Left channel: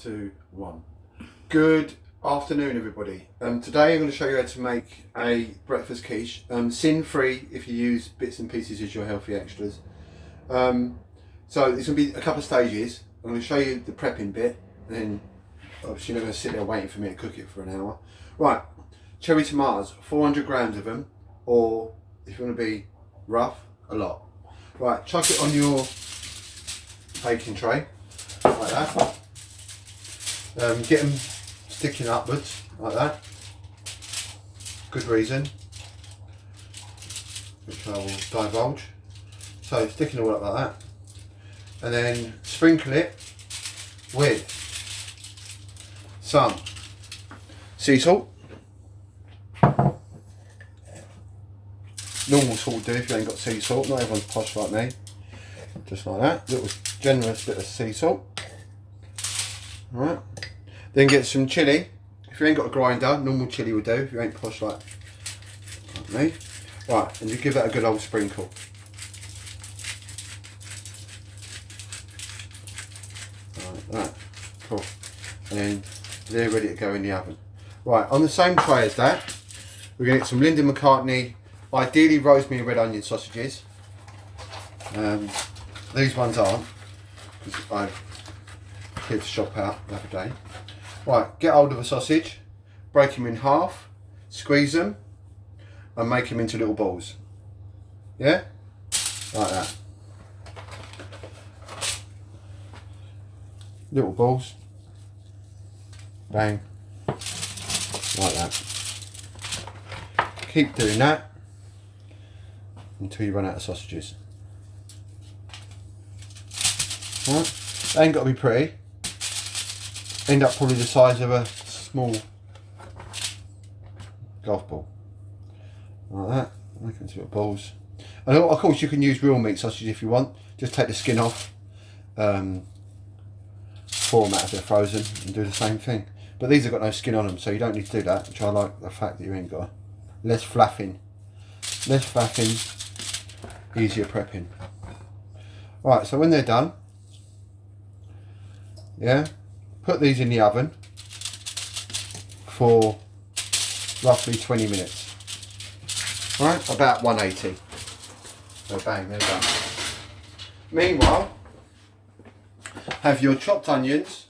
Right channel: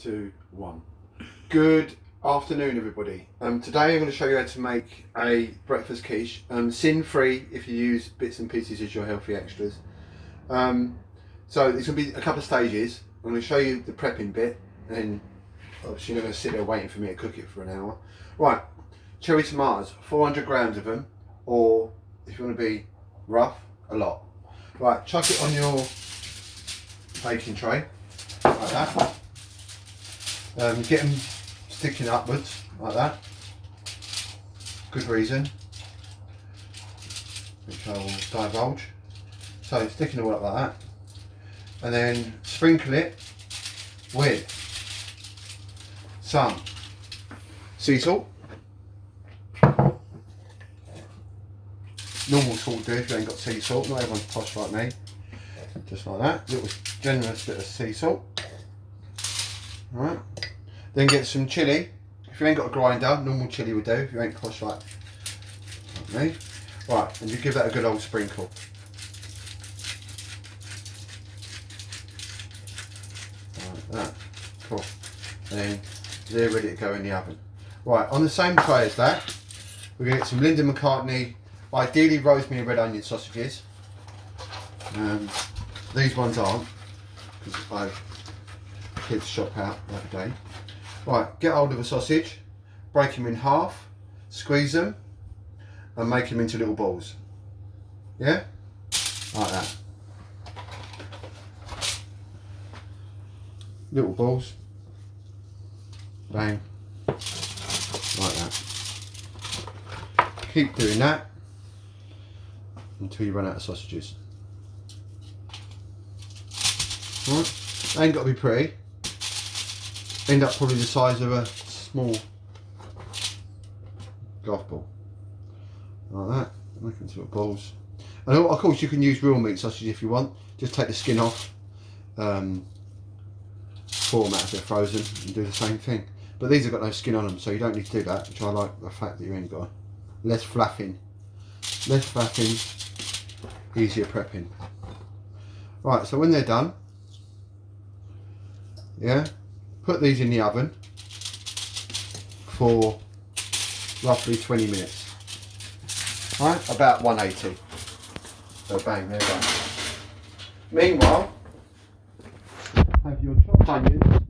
2, 1. Good afternoon, everybody. Today I'm going to show you how to make a breakfast quiche. Sin-free if you use bits and pieces as your healthy extras. So there's going to be a couple of stages. I'm going to show you the prepping bit, and then obviously you're not going to sit there waiting for me to cook it for an hour. Right, cherry tomatoes, 400 grams of them, or if you want to be rough, a lot. Right, chuck it on your baking tray, like that. Get them sticking upwards, like that. Good reason, which I will divulge. So sticking them all up like that. And then sprinkle it with some sea salt. Normal salt do if you ain't got sea salt, not everyone's posh like me. Just like that, little generous bit of sea salt. Alright, then get some chilli. If you ain't got a grinder, normal chilli will do if you ain't posh like me. Right, and you give that a good old sprinkle. Like that, cool. And then they're ready to go in the oven. Right, on the same tray as that, we're going to get some Linda McCartney, ideally rosemary and red onion sausages. These ones aren't, because I kids shop out the other day. Right, get hold of a sausage, break them in half, squeeze them, and make them into little balls. Yeah? Like that. Little balls. Bang. Like that. Keep doing that until you run out of sausages. Right. They ain't got to be pretty. End up probably the size of a small golf ball. Like that. Make them into little balls. And of course you can use real meat sausage if you want. Just take the skin off. Format if they're frozen and do the same thing. But these have got no skin on them, so you don't need to do that, which I like the fact that you ain't got. Less flapping. Less flapping, easier prepping. Right, so when they're done, yeah, put these in the oven for roughly 20 minutes. Right, about 180. So bang, they're done. Meanwhile, have your chopped onions,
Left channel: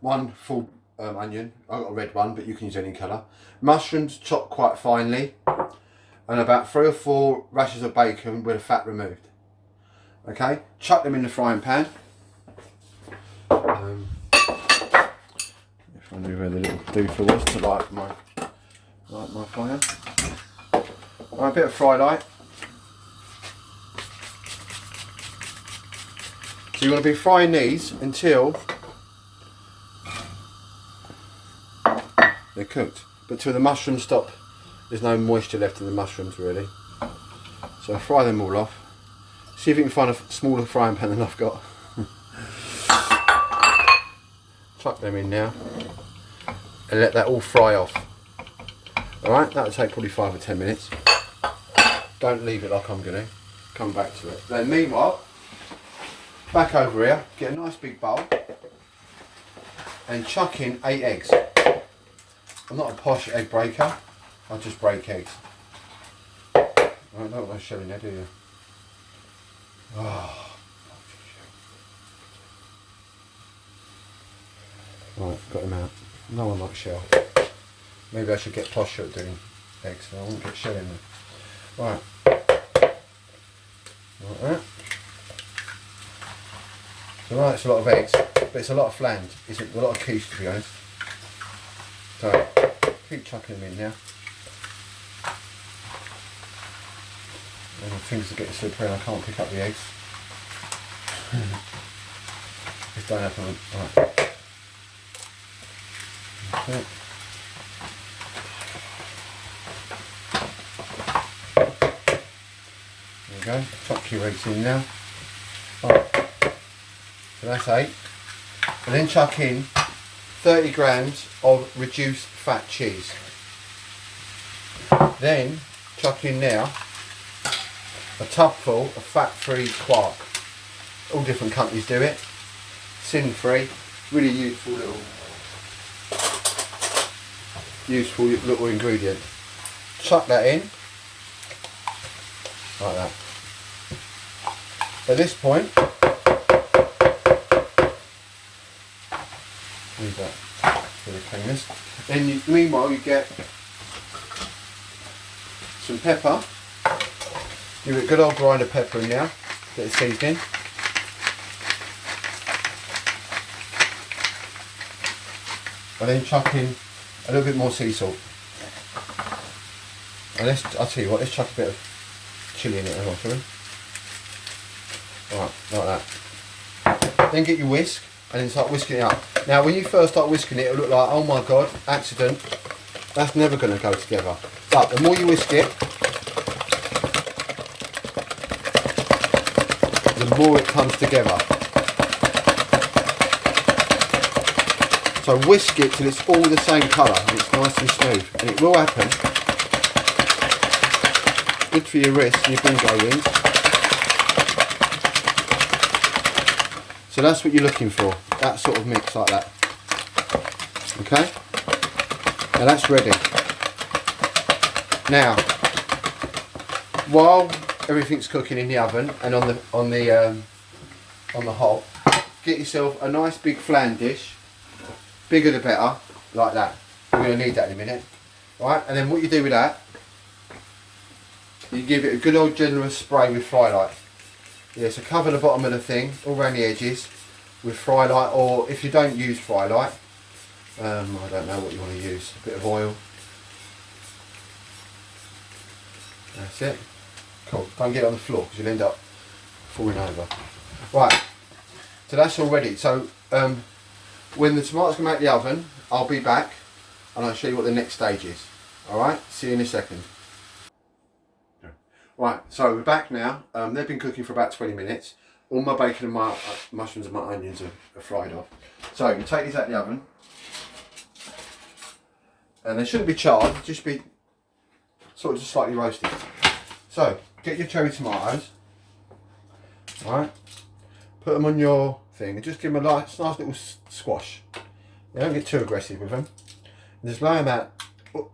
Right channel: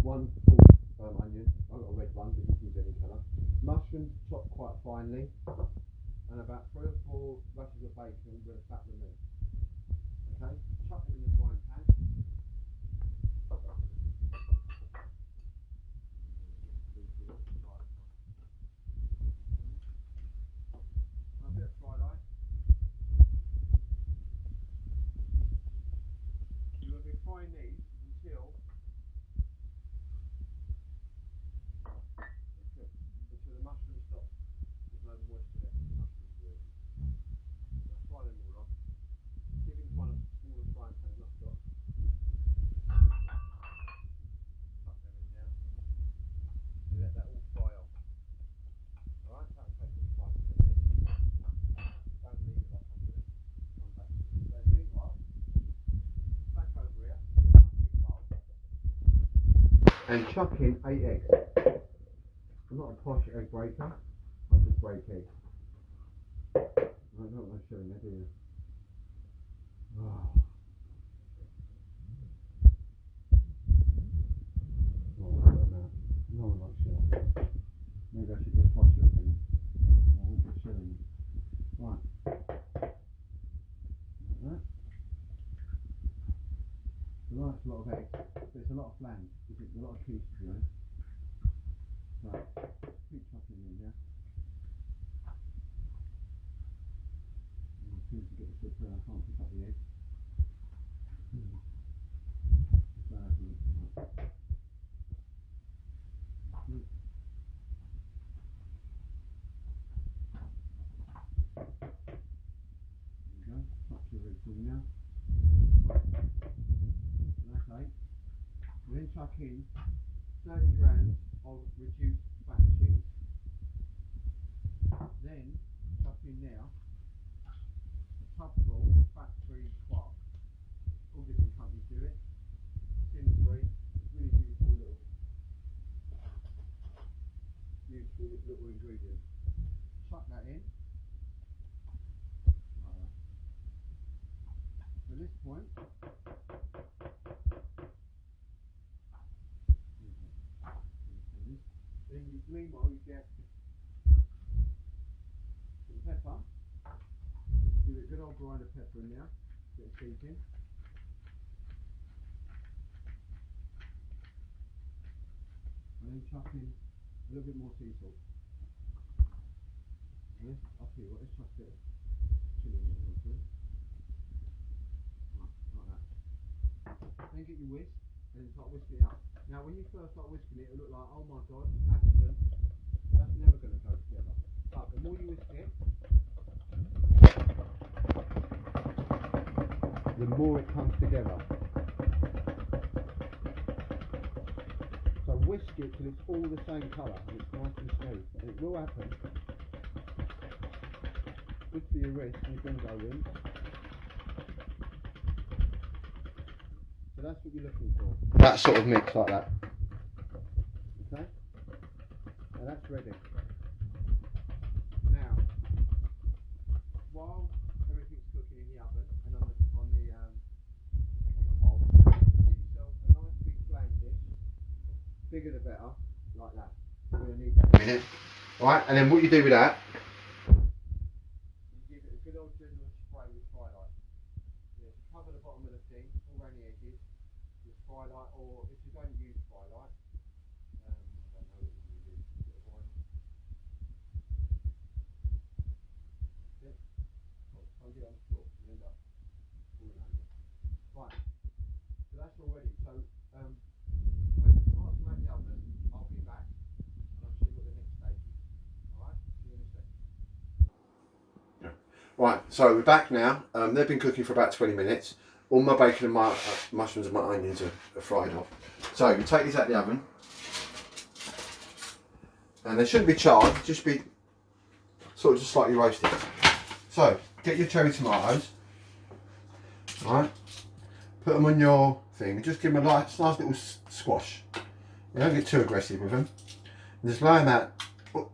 one full onion, I've got a red one but you can use any colour, mushrooms chopped quite finely, and about 3 or 4 rashers of bacon with the fat removed. Okay, chuck them in the frying pan. If I knew where the little doofer was to light my fire. Right, a bit of fry light. So you want to be frying these until they're cooked, but till the mushrooms stop. There's no moisture left in the mushrooms really. So fry them all off. See if you can find a smaller frying pan than I've got. Chuck them in now and let that all fry off. Alright, that'll take probably 5 or 10 minutes. Don't leave it like I'm going to. Come back to it. Then meanwhile, back over here, get a nice big bowl and chuck in 8 eggs. I'm not a posh egg breaker, I just break eggs. I don't want no shell in there, do you? Oh. Right, I've got him out. No one likes shell. Maybe I should get posher at doing eggs, so I won't get shell in there. Right. Like that. So right, it's a lot of eggs, but it's a lot of flange. It's a lot of quiche to be honest. So, keep chucking them in now. And the things are getting slippery and I can't pick up the eggs. Just don't have them. Right. Okay. There you go. Chuck your eggs in now. Right. So that's 8. And then chuck in 30 grams of reduced fat cheese. Then chuck in now a tubful of fat-free quark. All different companies do it. Sin-free. Really useful little ingredient. Chuck that in, like that. At this point, leave that for the cleaners. Then meanwhile you get some pepper. Give it a good old grind of pepper in now, get it seasoned. And then chuck in a little bit more sea salt. And I'll tell you what, let's chuck a bit of chilli in it as well, shall we? Right, like that. Then get your whisk and then start whisking it up. Now when you first start whisking it, it'll look like, oh my god, accident. That's never going to go together. But the more you whisk it, the more it comes together. So whisk it till it's all the same colour and it's nice and smooth. And it will happen. Good for your wrists and your bingo wings. So that's what you're looking for. That sort of mix like that. Okay? Now that's ready. Now, while everything's cooking in the oven and on the hob, get yourself a nice big flan dish. Bigger the better, like that. We're going to need that in a minute. Alright, and then what you do with that, you give it a good old generous spray with fry light. Yeah, so cover the bottom of the thing, all around the edges, with fry light, or if you don't use fry light, I don't know what you want to use, a bit of oil. That's it. Cool, don't get it on the floor because you'll end up falling over. Right, so that's all ready. So, when the tomatoes come out of the oven, I'll be back and I'll show you what the next stage is. Alright, see you in a second. Right, so we're back now. They've been cooking for about 20 minutes. All my bacon and my mushrooms and my onions are fried off. So you take these out of the oven. And they shouldn't be charred, just be sort of just slightly roasted. So, get your cherry tomatoes. Alright, put them on your thing and just give them a nice little squash. You don't get too aggressive with them. And just lay them out,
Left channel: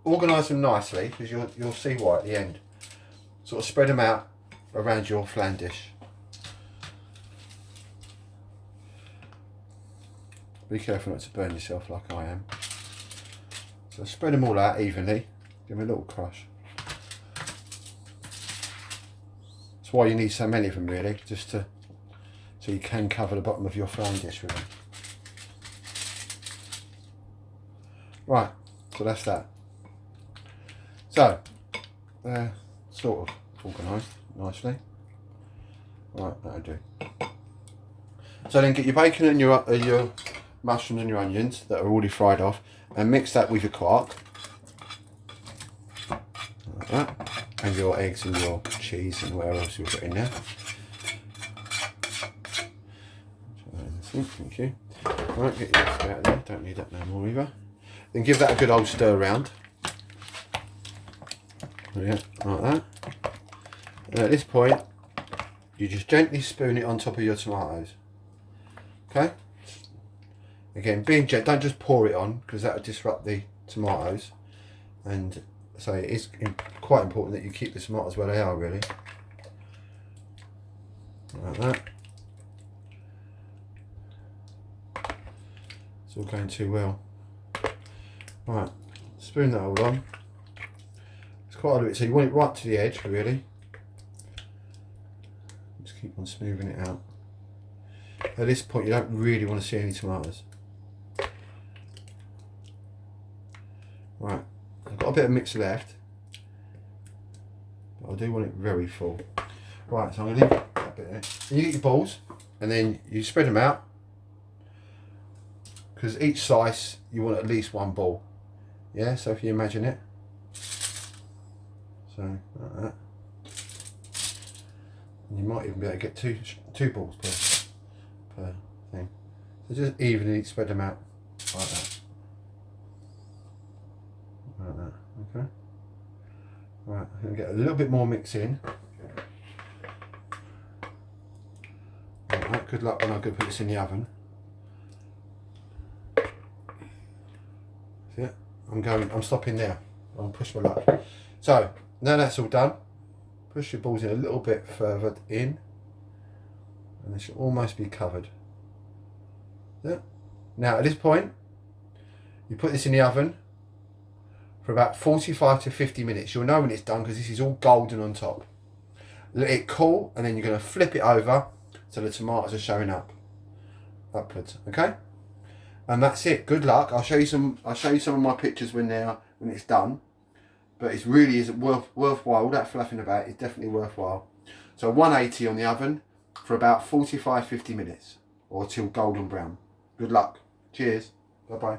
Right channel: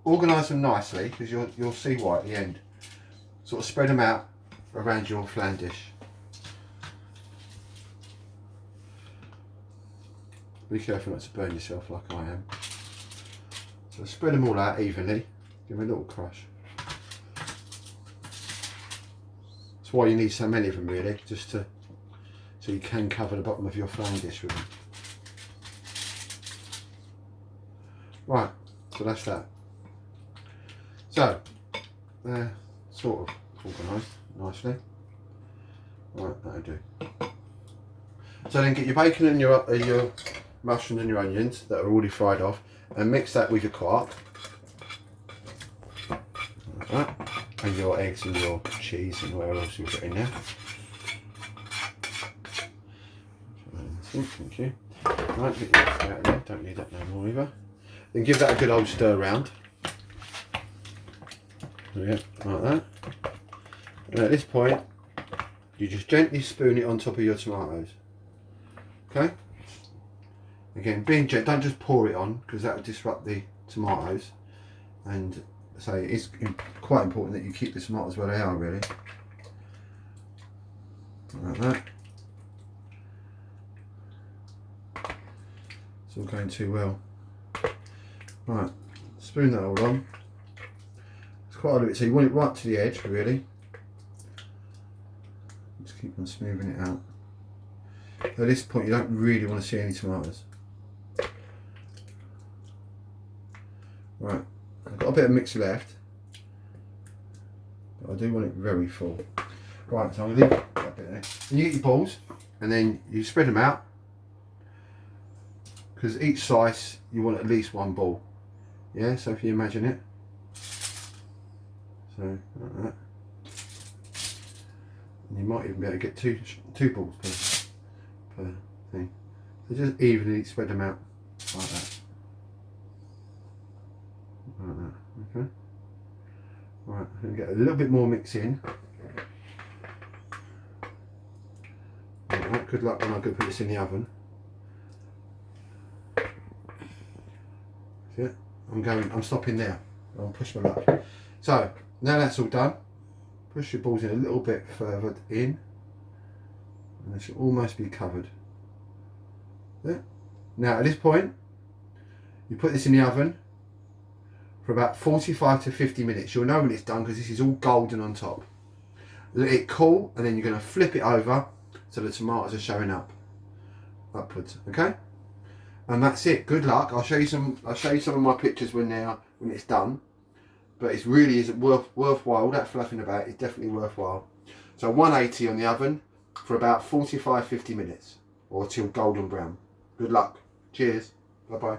organise them nicely because you'll see why at the end. Sort of spread them out around your flan dish. Be careful not to burn yourself like I am. So spread them all out evenly. Give them a little crush. That's why you need so many of them really, just to so you can cover the bottom of your flan dish with them. Right, so that's that. So, sort of organised nicely. Right, that'll do. So then get your bacon and your mushrooms and your onions that are already fried off and mix that with your quark. Like that. And your eggs and your cheese and whatever else you'll put in there. Thank you. Right, get your eggs out there, don't need that no more either. Then give that a good old stir round. Yeah, like that. And at this point, you just gently spoon it on top of your tomatoes. Okay? Again, being gentle, don't just pour it on because that will disrupt the tomatoes. And so it's quite important that you keep the tomatoes where they are, really. Like that. It's all going too well. Right, spoon that all on. It's quite a bit, so you want it right to the edge, really. Just keep on smoothing it out. At this point, you don't really want to see any tomatoes. Right, I've got a bit of mix left, but I do want it very full. Right, so I'm going to leave that bit there. And you get your balls, and then you spread them out, because each slice you want at least one ball. Yeah, so if you imagine it, so like that, and you might even be able to get two balls per thing. So just evenly spread them out like that. Like that, okay. Right, I'm going to get a little bit more mix in. Right, good luck when I go put this in the oven. See it? I'm stopping now. I'll push my luck. So now that's all done, push your balls in a little bit further in, and they should almost be covered. Yeah. Now at this point, you put this in the oven for about 45 to 50 minutes. You'll know when it's done because this is all golden on top. Let it cool, and then you're going to flip it over so the tomatoes are showing up upwards. Okay, and that's it. Good luck. I'll show you some of my pictures when it's done. But it really is worthwhile. All that fluffing about is definitely worthwhile. So 180 on the oven for about 45-50 minutes or till golden brown. Good luck. Cheers. Bye bye.